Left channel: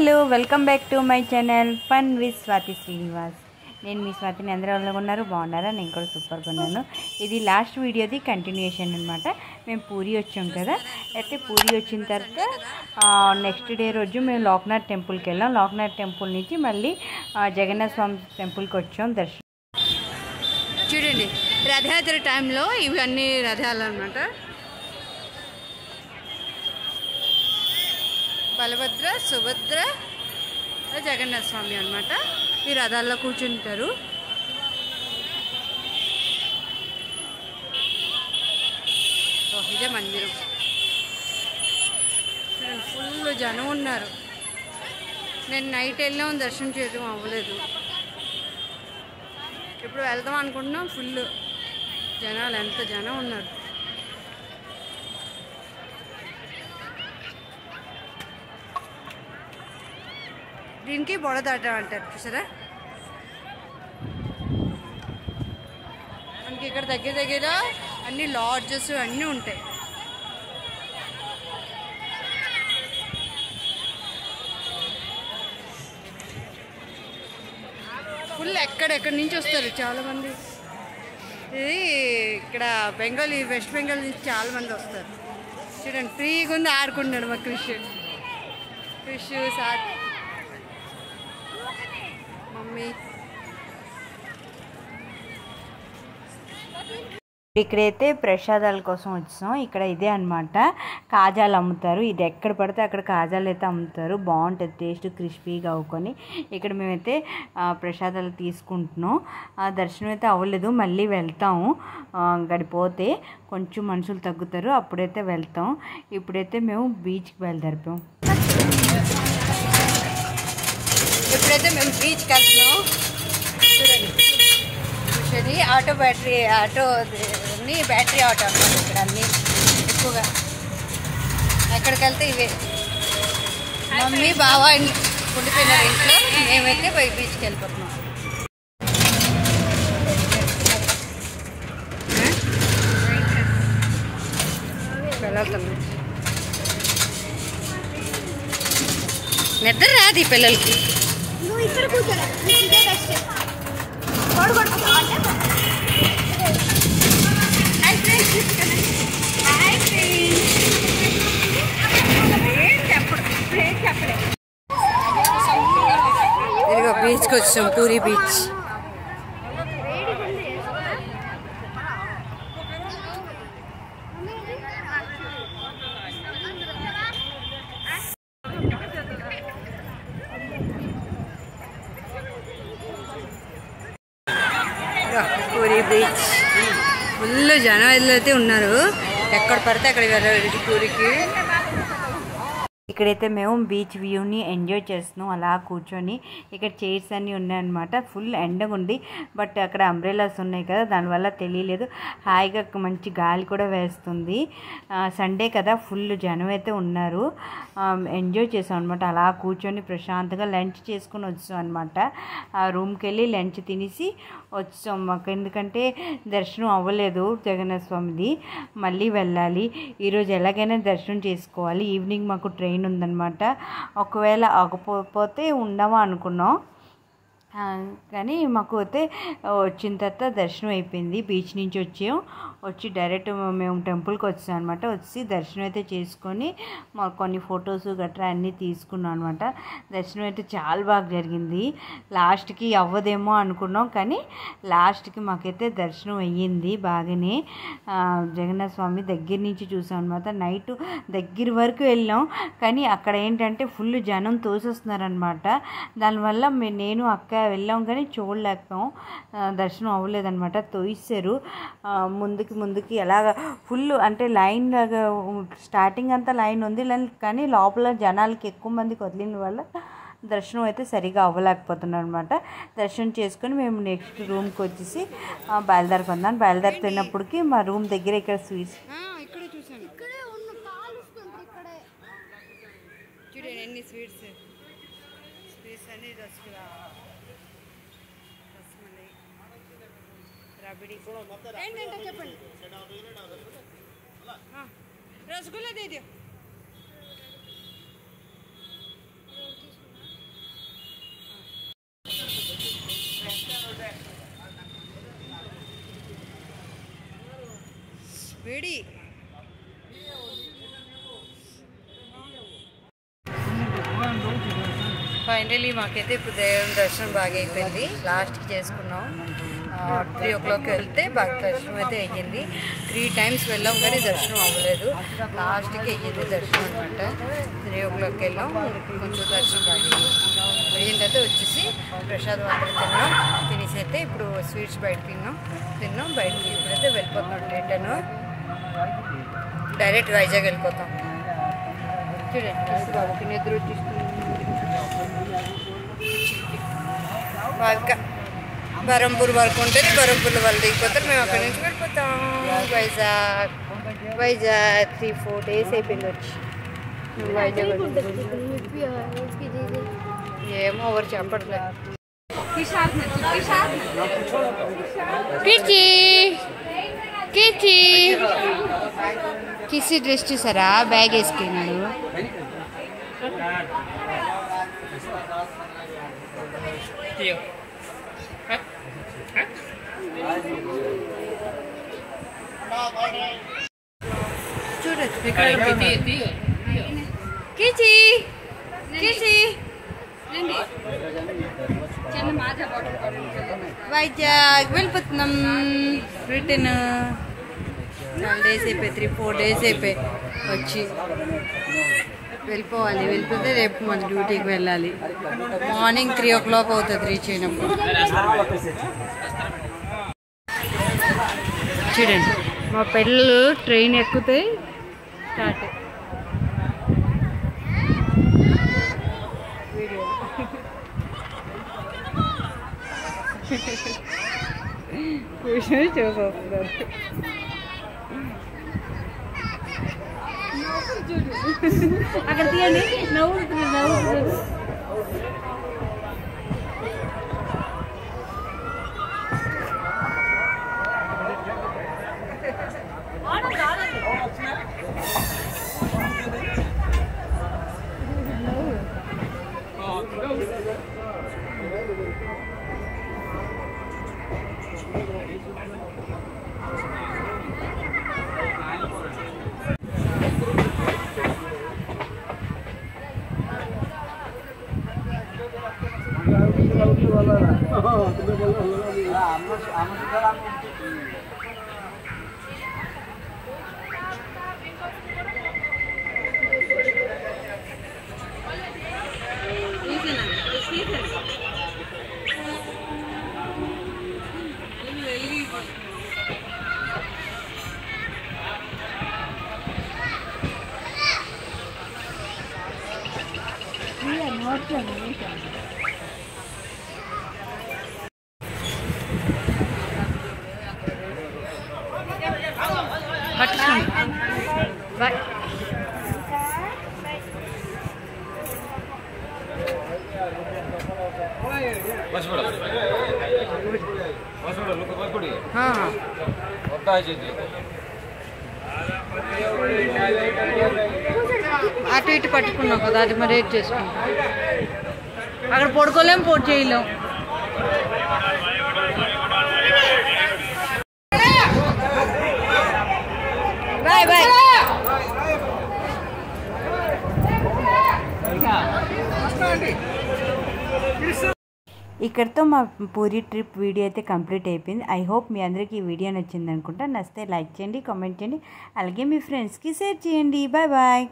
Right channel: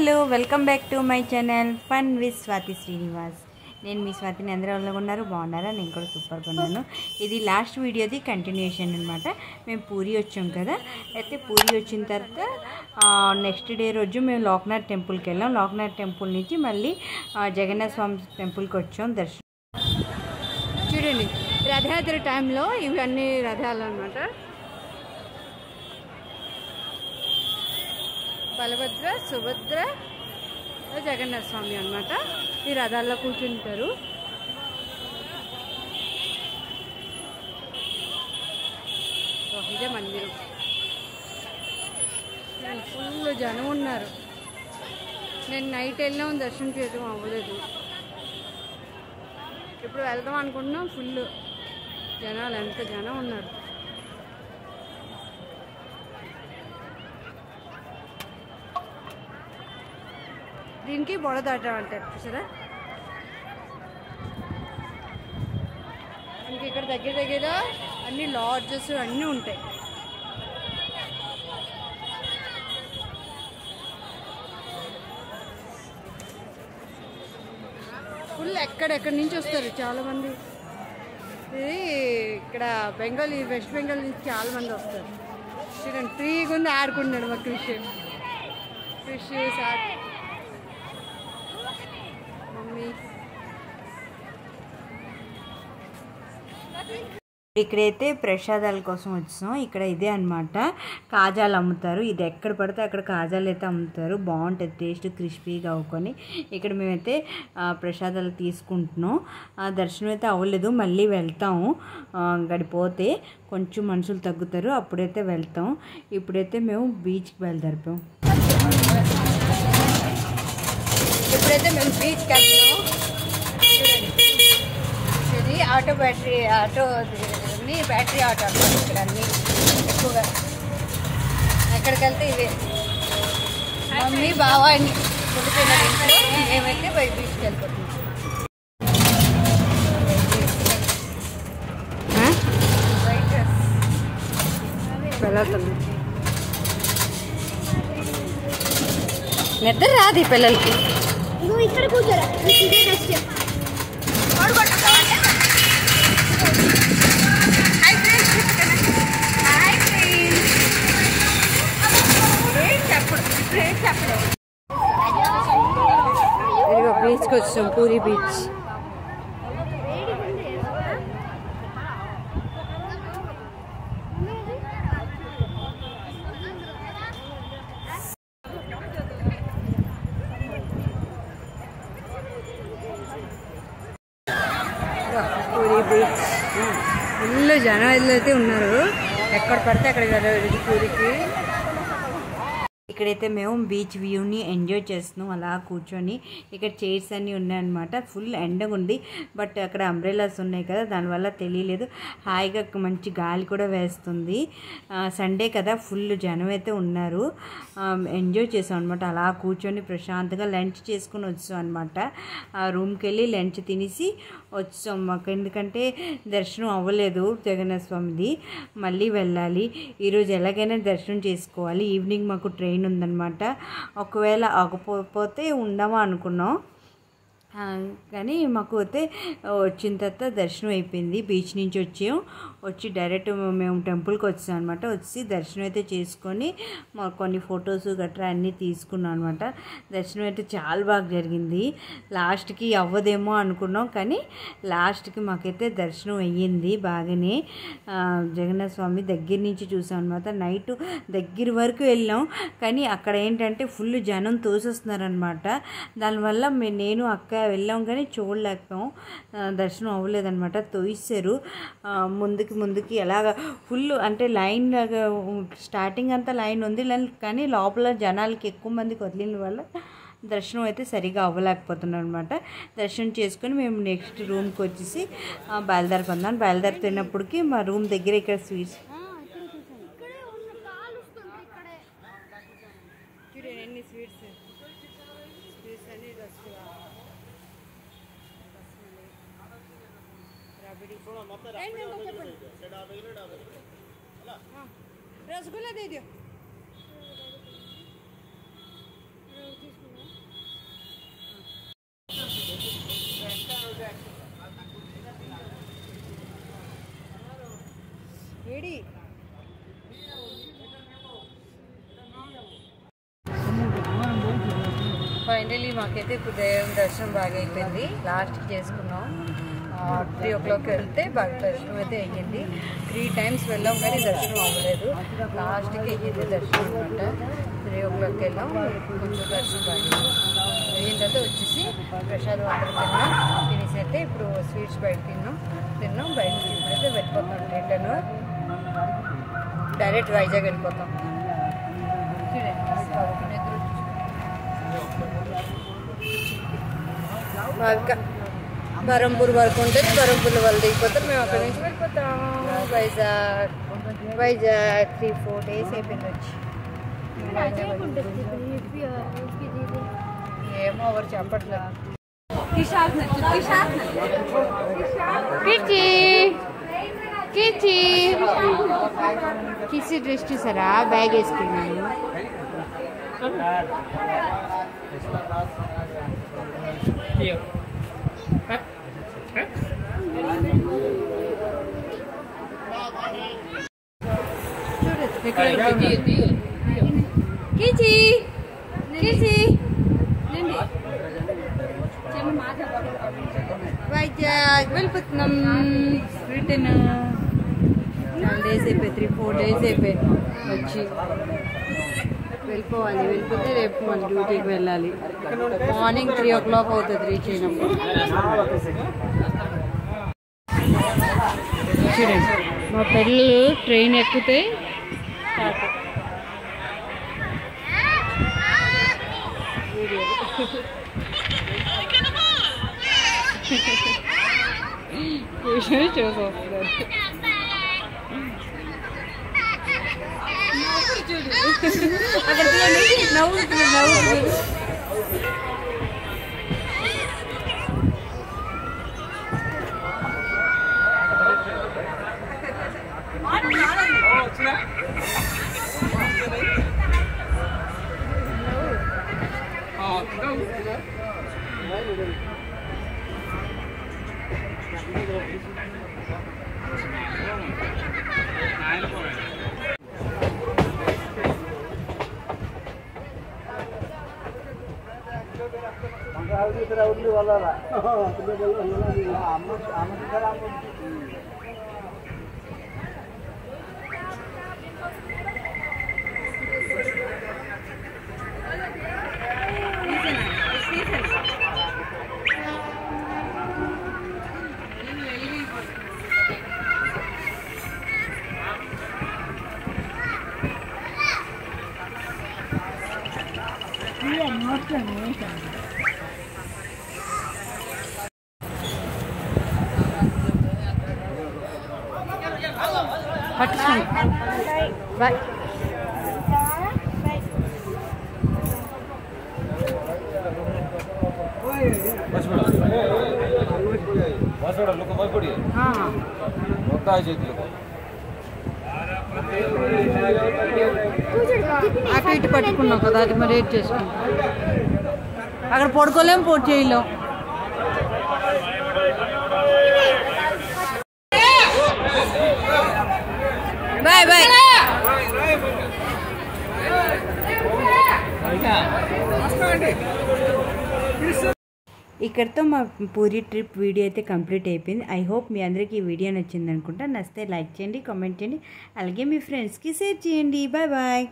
Hello welcome back to my channel fun with Swathi Srinivas. నేను మీ స్వాతిని అందరూ ఉన్నారు, బాగున్నారా? నేను కూడా సూపర్గా ఉన్నాను. ఇది లాస్ట్ వీడియోది కంటిన్యూషన్ అనమాట. మేము పూరి వచ్చాం కదా, అయితే పూరి వచ్చిన తర్వాత నెక్స్ట్ డే రోజు మేము లోక్నాథ్ టెంపుల్కి వెళ్ళాం. లోక్నాథ్ టెంపుల్ నుంచి మళ్ళీ జగన్నాథ స్వామి టెంపుల్కి వచ్చాం దర్శనం. చూడండి, రథయాత్ర టైంలో ఇవన్నీ రథాలు అనమాట. బలభద్ర, సుభద్ర, జగన్నాథ స్వామి అనమాట. ఈ రథాల్లో కూర్చుంటారు. ఇదే మందిరం. ఫుల్ జనం ఉన్నారు. నేను నైట్ వెళ్ళాం, దర్శనం చేయడం అవ్వలేదు. ఇప్పుడు వెళ్దాం అనుకుంటున్నాం. ఫుల్ జనాలు, ఎంత జనం ఉన్నారు. దీనికి బొడదాటం అంటారు, చూసారా? మనకి ఇక్కడ దగ్గర దగ్గర అన్ని లాడ్జెస్ అన్నీ ఉంటాయి. ఫుల్ ఎక్కడెక్కడి నుంచి వస్తారు చాలామంది. ఇది ఇక్కడ బెంగాల్, వెస్ట్ బెంగాల్ నుంచి చాలామంది వస్తారు. చూడండి, ఫ్రీగా ఉంది, ఆడుకుంటున్నాడు మా క్రిష్ సార్, మమ్మీ. ఇక్కడైతే ప్రసాదాల కోసం వచ్చాం. ఇక్కడ ఇదే అనమాట, కాజాలు అమ్ముతారు. ఇది ఎక్కడ పడితే అక్కడ కాజాలు అయితే అమ్ముతారు. బాగుంటుంది టేస్ట్, క్రిస్పీగా అవ్వుకొని. ఇక్కడ మేమైతే ప్రసాదాలు తీసుకుంటున్నాం. దర్శనం అయితే అవ్వలేదు, మళ్ళీ వెళ్తాము. గడిపోతే కొంచెం మనుషులు తగ్గుతారు, అప్పుడైతే వెళ్తాం. ఇప్పుడైతే మేము బీచ్కి బయలుదేరిపాం. ఇప్పుడైతే మేము బీచ్కి వెళ్తున్నాం. ఇది ఆటో బ్యాటరీ ఆటో అనమాట. ఇక్కడ అన్నీ ఎక్కువగా ఎక్కడికి వెళ్తే ఇవే. మమ్మీ బావ ఉండిపోయినారు ఇంట్లో, మేమైతే బీచ్కి వెళ్ళిపోతున్నాం. వెళ్తున్నాం. నిద్ర రాదు ఈ పిల్లలకి. ఇదిగో బీచ్కి వచ్చాం, puri beach. Puri beach full జనం అయితే ఉన్నారు. ఎక్కడ పడితే అక్కడ వెళ్ళాలి పూరికి. ఇక్కడైతే మేము బీచ్ వ్యూని ఎంజాయ్ చేస్తున్నాం, అలా కూర్చొని. ఇక్కడ చైర్స్ అన్నీ ఉన్నాయన్నమాట. ఫుల్ ఎండగా ఉంది, బట్ అక్కడ అంబ్రెలాస్ ఉన్నాయి కదా, దానివల్ల తెలియలేదు. హాయిగా మంచి గాలి కూడా వేస్తుంది. సండే కదా, ఫుల్ జనం అయితే ఉన్నారు. ఎంజాయ్ చేసాం అనమాట. అలా కూర్చొని ప్రశాంతంగా లంచ్ చేసుకుని వచ్చాం అనమాట. రూమ్కి వెళ్ళి లంచ్ తినేసి వచ్చాం. మాకు ఎందుకంటే దర్శనం అవ్వలేదు జగన్నాథ స్వామిది, మళ్ళీ వెళ్ళాలి. ఈరోజు ఎలాగైనా దర్శనం చేసుకోవాలి. ఈవినింగ్ మాకు ట్రైన్ ఉందన్నమాట. ఒకవేళ ఆగపోతే ఉండమా అనుకున్నాం, కానీ మాకు అయితే వచ్చిన తర్వాత దర్శనం అయిపోయింది. బీచ్ నుంచి వచ్చి డైరెక్ట్ మేము టెంపుల్కి వచ్చాం అనమాట. వచ్చి దర్శనం అయితే చేసుకొని మాకు కొన్ని ఫొటోస్ గట్రా అన్నీ తీసుకున్నాం అనమాట. దర్శనం అయితే చాలా బాగా జరిగింది. లాస్ట్కి అవ్వదేమో అనుకున్నాం, కానీ లాస్ట్కి మాకైతే దర్శనం అయ్యింది బాగానే. జగన్నాథ స్వామి దగ్గర నుంచి చూసాం అనమాట. నైట్ దగ్గర వరకు వెళ్ళాం, కానీ అక్కడ ఏంటంటే ఫుల్ జనం తోసేస్తున్నారనమాట. దానివల్ల నేను అక్క వెళ్ళాం కానీ చూడలేకపోయాం, దర్శనం అవ్వలేదన్నమాట. తోయిస్తారు ముందుకి ఎలాగ ఫుల్, అంటే లైన్ లాగా స్టార్టింగ్ అంతా లైన్ ఉంది, కానీ లోపల జనాలకి ఎక్కువ మందికి వదిలిన వల్ల దర్శనం అయితే సరిగా అవ్వలేకపోతున్నాం అనమాట. దర్శనం చేసుకొని మేము నెక్స్ట్ రూమ్కి వచ్చేసి బయలుదేరుకుందాం. బయలుదేరుతున్నప్పటికి మా రూమ్ దగ్గర ఇక్కడ స్వీట్స్ చూడండి, ఎన్ని స్వీట్స్ అన్ని రబడి చెప్పండి. रसगुल्ला दे दियो। వేడి ఫైనలీ మాకైతే ఇప్పుడు దేవుని దర్శనం బాగా అయిపోయింది. లాస్ట్కి చేసుకున్నాం. 3 o'clock వెళ్తే బాగా దర్శనం అయితే అయ్యింది. 3 times వెళ్ళాం కానీ దర్శనం అవ్వలేదు. లాస్ట్కి అయ్యింది దర్శనం అనమాట. 3 o'clock వెళ్ళాం. కొంచెం దర్శనం బాగా అయిన తర్వాత వచ్చేసి ప్రసాదం అందరూ తినేసి అయితే ఇప్పుడు స్వీట్స్ బయట తిన్నాం బయటకి. ఇప్పుడైతే వెళ్ళిపోతున్నాం. రిటర్న్ డైరెక్ట్ వైజాగ్ వెళ్ళిపోతాం. చూడండి ఎదురు వాళ్ళకి బరంపూర్ వరకు ఉంటుంది. బరంపూర్లో వాళ్ళు దిగిపోతారు. మేము అక్కడి నుంచి వెళ్ళిపోతాం వైజాగ్ 3-4 days అయిపోయింది వచ్చి. వైజాగ్ ఏమో ఎవరు చెప్పట్లేదు. కిసి డ్రెస్ చూసారా? బ్యాగ్ వేసుకున్నాడు. వైజాగ్ వెళ్ళిపోతున్నాం. రిటర్న్ చాలా డేస్ అయిపోయి 3-4 days అయిపోయి వచ్చి వెళ్ళిపోవాలి. వెళ్ళిపోతే రేపు మన డ్యూటీకి వెళ్ళాలి. మార్నింగ్ 3 o'clock అవుతుంది రీచ్ అయినప్పుడు. చూడండి మా పిల్లలు ట్రైన్ ఎక్కితే స్టార్ట్. చూసొస్తున్నారు. అక్కడ నవ్వుతుంది. Bye. అటు ఇటు పట్టుకున్నావు కదా, అది మరి ఏం చేసుకుంటాం. అక్కడ పడుకోలేం, పోటీ చేయలేం. Bye bye. ఇక్కడితో మా పూరి ట్రిప్ వీడియో అయితే కంప్లీట్ అయిపోయింది. ఐ హోప్ మీ అందరికీ ఈ వీడియో నచ్చింది అనుకుంటా. నచ్చితే లైక్ చేయండి, కామెంట్ చేయండి, అలాగే మీ ఫ్రెండ్స్కి షేర్ చేయండి. Bye bye.